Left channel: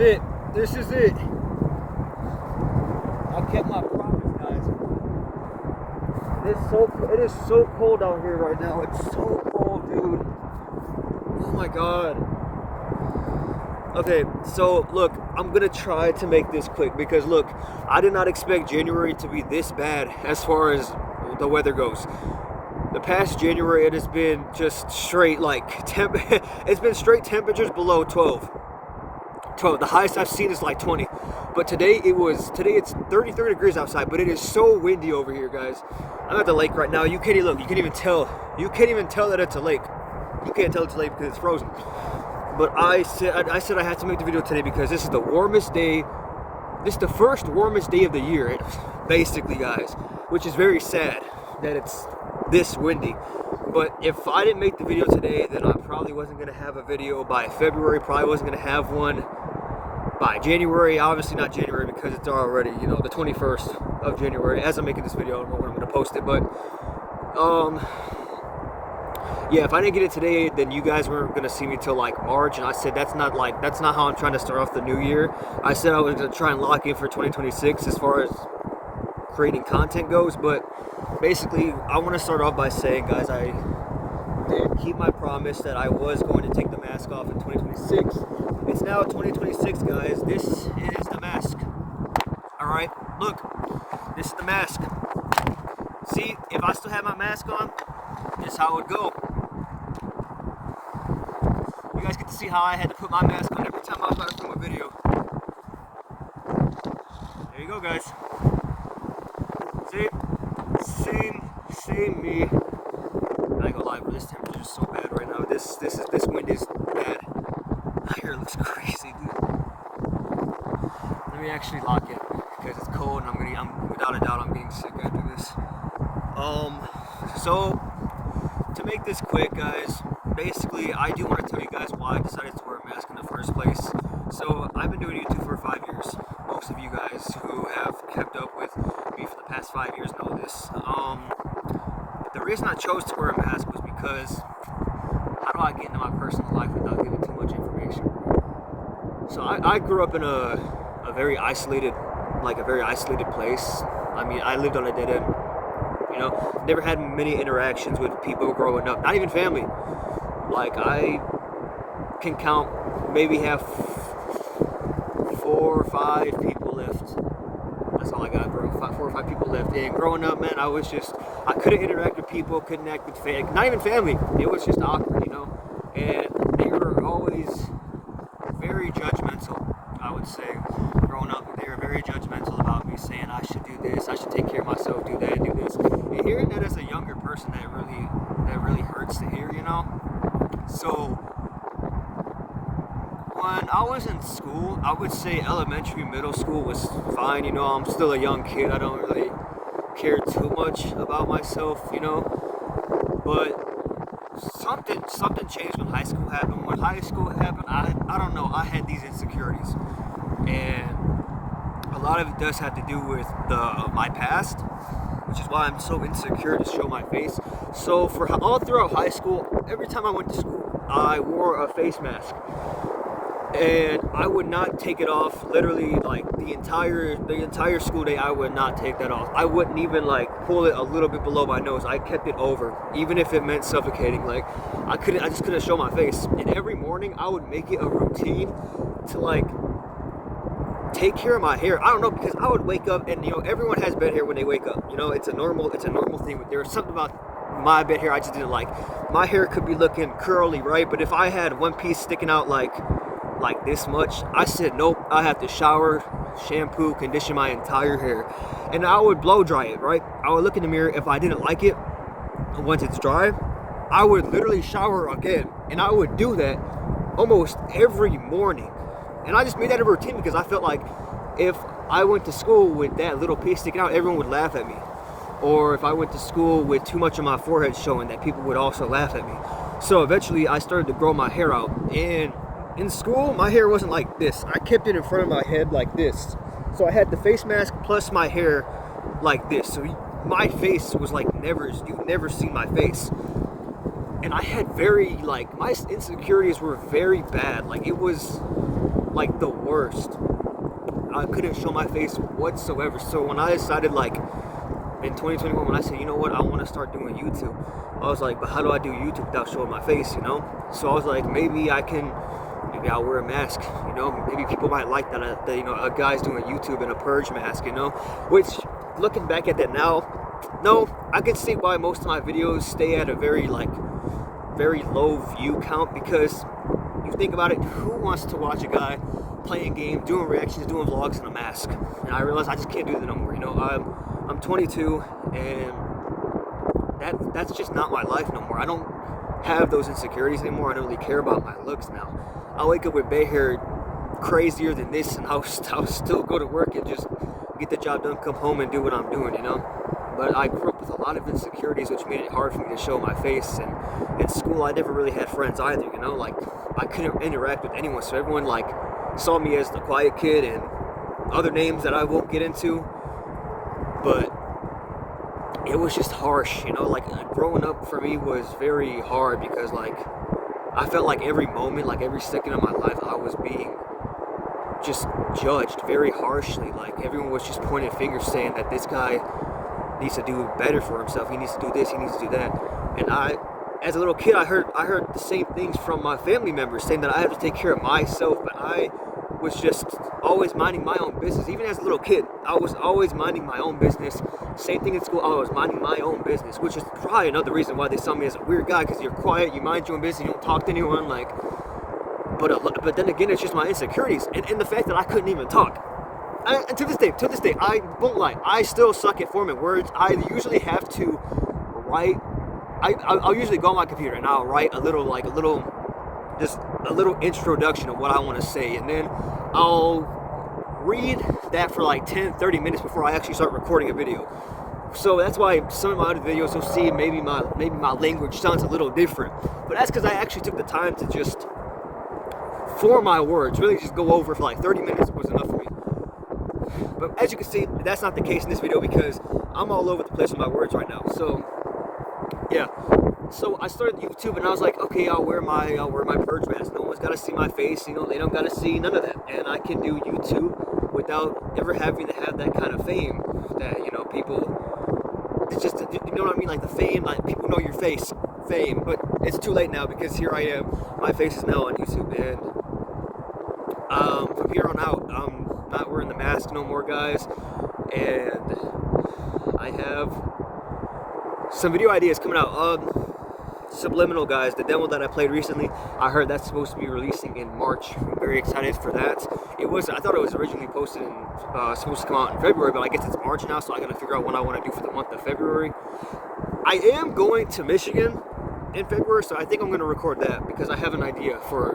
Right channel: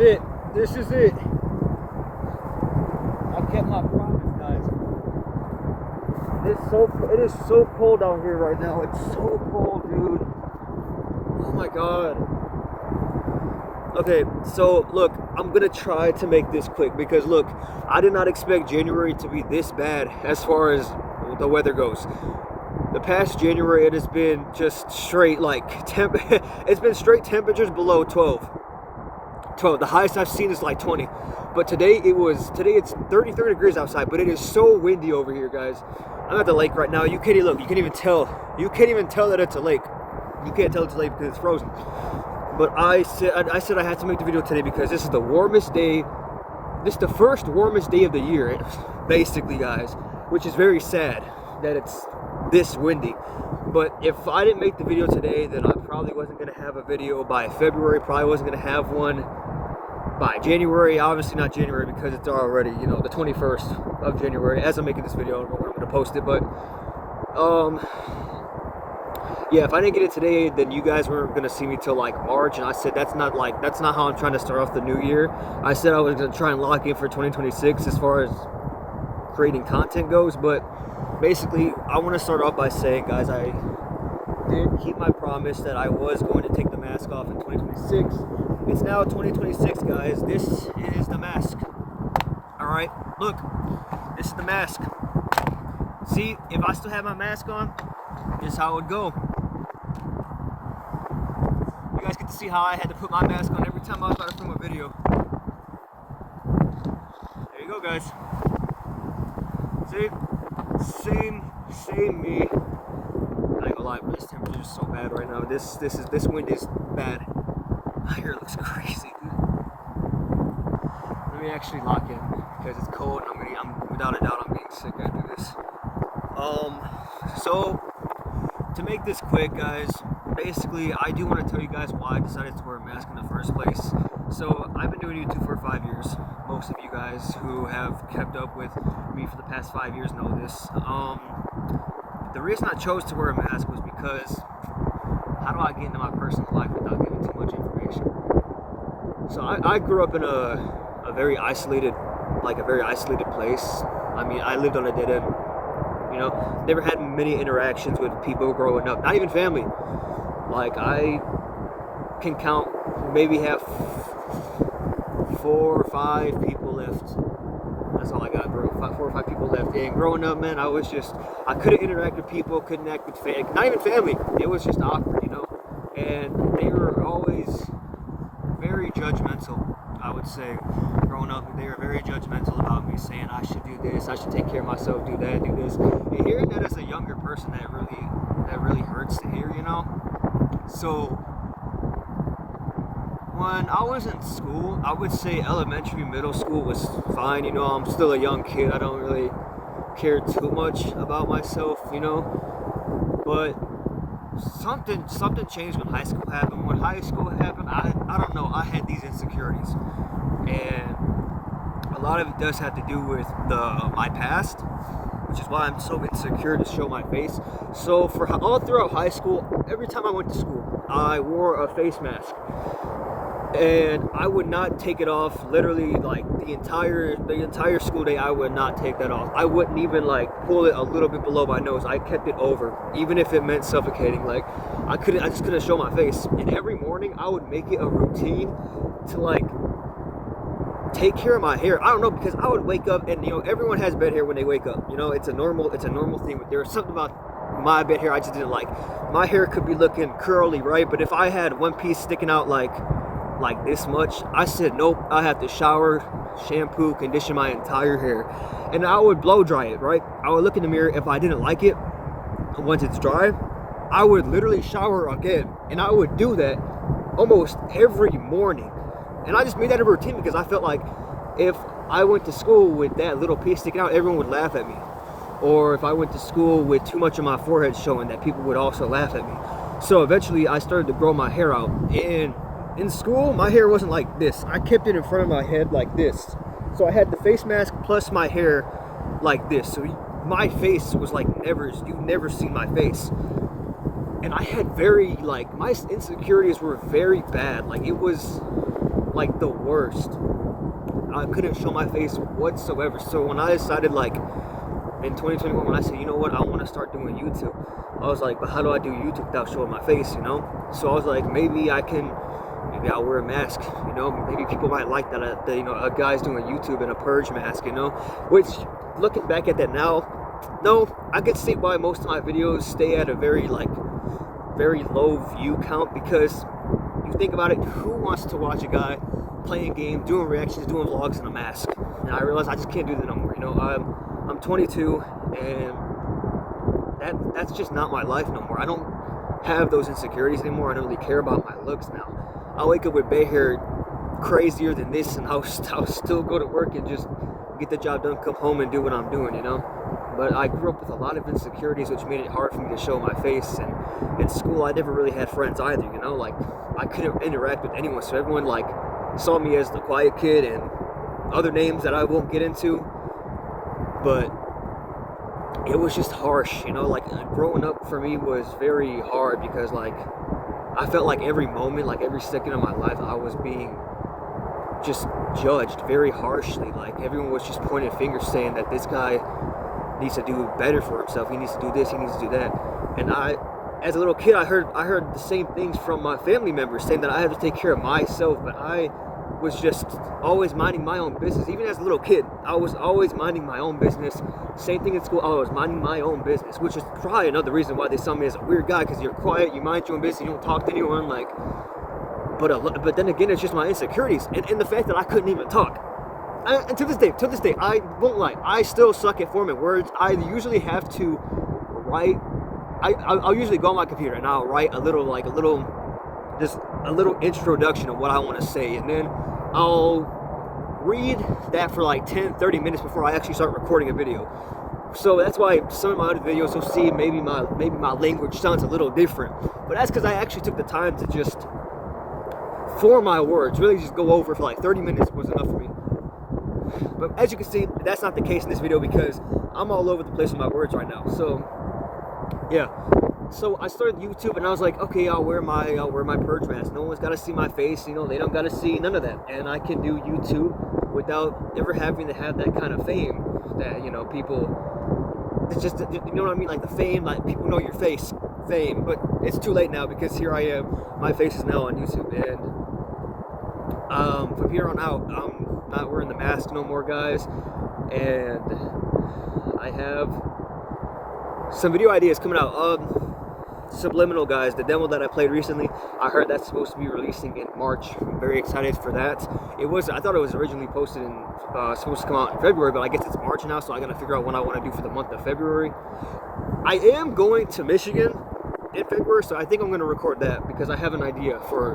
it. This is it. I kept my promise, guys. It is so cold out here right now. It's so cold, dude. Oh my god. Okay, so look, I'm gonna try to make this quick because look, I did not expect January to be this bad as far as the weather goes. The past January, it has been just straight like it's been straight temperatures below 12. The highest I've seen is like 20. But today it's 33 degrees outside, but it is so windy over here, guys. I'm at the lake right now. You can't even tell that it's a lake. You can't tell it's a lake because it's frozen. But I said I had to make the video today because this is the warmest day. This is the first warmest day of the year, basically, guys, which is very sad that it's this windy. But if I didn't make the video today, then I probably wasn't going to have a video by February, probably wasn't going to have one by January. Obviously not January because it's already, you know, the 21st of January as I'm making this video. I don't know when I'm going to post it, but yeah, if I didn't get it today, then you guys weren't going to see me till like March, and I said that's not how I'm trying to start off the new year. I said I was going to try and lock in for 2026 as far as creating content goes, but basically I want to start off by saying, guys, I did keep my promise that I was going to take the mask off in 2026. It's now 2026, guys. This is the mask. All right, look, this is the mask. See, if I still had my mask on, this is how it would go. You guys get to see how I had to put my mask on every time I was about to film a video. There you go, guys. See? Same me. I ain't gonna lie, but this temperature is so bad right now. This wind is bad. My hair looks crazy, dude. Let me actually lock it because it's cold and I'm without a doubt I'm getting sick after this. So to make this quick, guys, basically I do want to tell you guys why I decided to wear a mask in the first place. So I've been doing YouTube for 5 years. Most of you guys who have kept up with me for the past 5 years know this. The reason I chose to wear a mask was because how do I get into my personal life without giving too much information? So I grew up in a very isolated place. I mean, I lived on a dead end. You know, never had many interactions with people growing up, not even family. Like, I can count, maybe have 4 or 5 people left. That's all I got, bro. 4 or 5 people left. And growing up, man, I couldn't interact with people, couldn't act with not even family. It was just awkward, you know? And they were always very judgmental, I would say. Growing up, they were very judgmental about me, saying I should do this, I should take care of myself, do that, do this. And hearing that as a younger person, that really hurts to hear, you know? So when I was in school, I would say elementary, middle school was fine, you know? I'm still a young kid, I don't really care too much about myself, you know? But something changed when high school happened. When high school happened, I don't know, I had these insecurities. And a lot of it does have to do with my past, which is why I'm so insecure to show my face. So for all throughout high school, every time I went to school, I wore a face mask. And I would not take it off, literally, like the entire school day. I would not take that off. I wouldn't even like pull it a little bit below my nose. I kept it over, even if it meant suffocating. Like I just couldn't show my face. And every morning I would make it a routine to like take care of my hair. I don't know, because I would wake up and, you know, everyone has bed hair when they wake up. You know, it's a normal thing. But there was something about my bed hair I just didn't like. My hair could be looking curly, right? But if I had one piece sticking out like this much, I said nope, I have to shower, shampoo, condition my entire hair. And I would blow dry it, right? I would look in the mirror. If I didn't like it, once it's dry, I would literally shower again. And I would do that almost every morning. And I just made that a routine because I felt like if I went to school with that little piece sticking out, everyone would laugh at me. Or if I went to school with too much of my forehead showing, that people would also laugh at me. So eventually I started to grow my hair out. And in school, my hair wasn't like this. I kept it in front of my head like this. So I had the face mask plus my hair like this. So my face was like you'd never seen my face. And I had my insecurities were very bad. Like like the worst. I couldn't show my face whatsoever. So when I decided, like, in 2021, when I said, you know what, I want to start doing YouTube, I was like, but how do I do YouTube without showing my face, you know? So I was like, maybe I'll wear a mask, you know? Maybe people might like that, you know, a guy's doing YouTube in a purge mask, you know? Which, looking back at that now, no, I can see why most of my videos stay at a very low view count, because you think about it, who wants to watch a guy playing games, doing reactions, doing vlogs in a mask? And I realized I just can't do that no more, you know? I'm 22, and that's just not my life no more. I don't have those insecurities anymore. I don't really care about my looks now. I'll wake up with bay hair crazier than this, and I'll still go to work and just get the job done, come home and do what I'm doing, you know? But I grew up with a lot of insecurities, which made it hard for me to show my face. And in school, I never really had friends either, you know? Like, I couldn't interact with anyone, so everyone, like, saw me as the quiet kid and other names that I won't get into. But it was just harsh, you know? Like, growing up for me was very hard, because, like, I felt like every moment, like every second of my life, I was being just judged very harshly. Like, everyone was just pointing fingers saying that this guy needs to do better for himself, he needs to do this, he needs to do that. And I, as a little kid, I heard the same things from my family members, saying that I had to take care of myself, but I was just always minding my own business. Even as a little kid, I was always minding my own business. Same thing in school, I was minding my own business, which is probably another reason why they saw me as a weird guy, because you're quiet, you mind your own business, you don't talk to anyone, like. But then again, it's just my insecurities, and the fact that I couldn't even talk. And to this day, I won't lie, I still suck at forming words. I usually have to write. I'll usually go on my computer and I'll write a little introduction of what I want to say, and then I'll read that for like 10-30 minutes before I actually start recording a video. So that's why some of my other videos you'll see maybe my language sounds a little different, but that's because I actually took the time to just form my words. Really just go over for like 30 minutes was enough for me. But as you can see, that's not the case in this video, because I'm all over the place with my words right now. So yeah, so I started YouTube and I was like, okay, I'll wear my purge mask. No one's got to see my face, you know, they don't got to see none of that, and I can do YouTube without ever having to have that kind of fame that, you know, people, it's just, you know what I mean, like the fame, like people know your face fame. But it's too late now, because here I am, my face is now on YouTube, and from here on out, I'm not wearing the mask no more, guys, and I have some video ideas coming out. Subliminal, guys, the demo that I played recently, I heard that's supposed to be releasing in March. I'm very excited for that. I thought it was originally posted and supposed to come out in February, but I guess it's March now, so I gotta figure out what I want to do for the month of February. I am going to Michigan in February, so I think I'm going to record that, because I have an idea for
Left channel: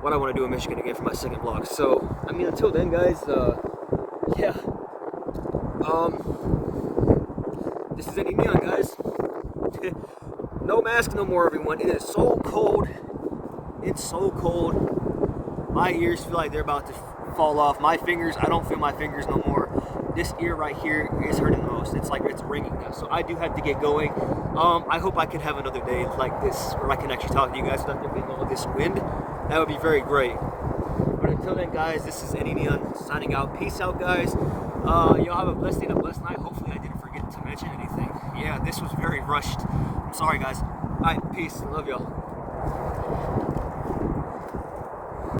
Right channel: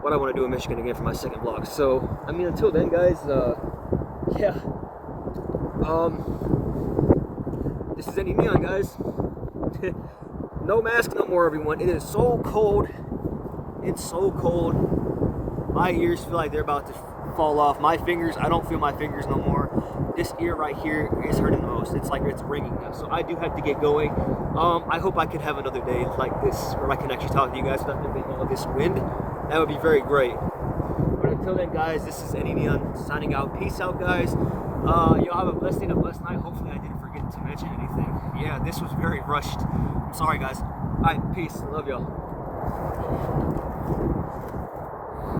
what I want to do in Michigan again for my second vlog. So, I mean, until then, guys, yeah. This is Eddie Neon, guys. No mask no more, everyone. It is so cold. It's so cold. My ears feel like they're about to fall off. My fingers, I don't feel my fingers no more. This ear right here is hurting the most. It's like it's ringing now. So I do have to get going. I hope I can have another day like this where I can actually talk to you guys without there being all this wind. That would be very great. But until then, guys, this is Eddie Neon signing out. Peace out, guys. Y'all have a blessed day and a blessed night. Hopefully I didn't forget to mention anything. Yeah, this was very rushed. I'm sorry, guys. All right, peace. I love y'all.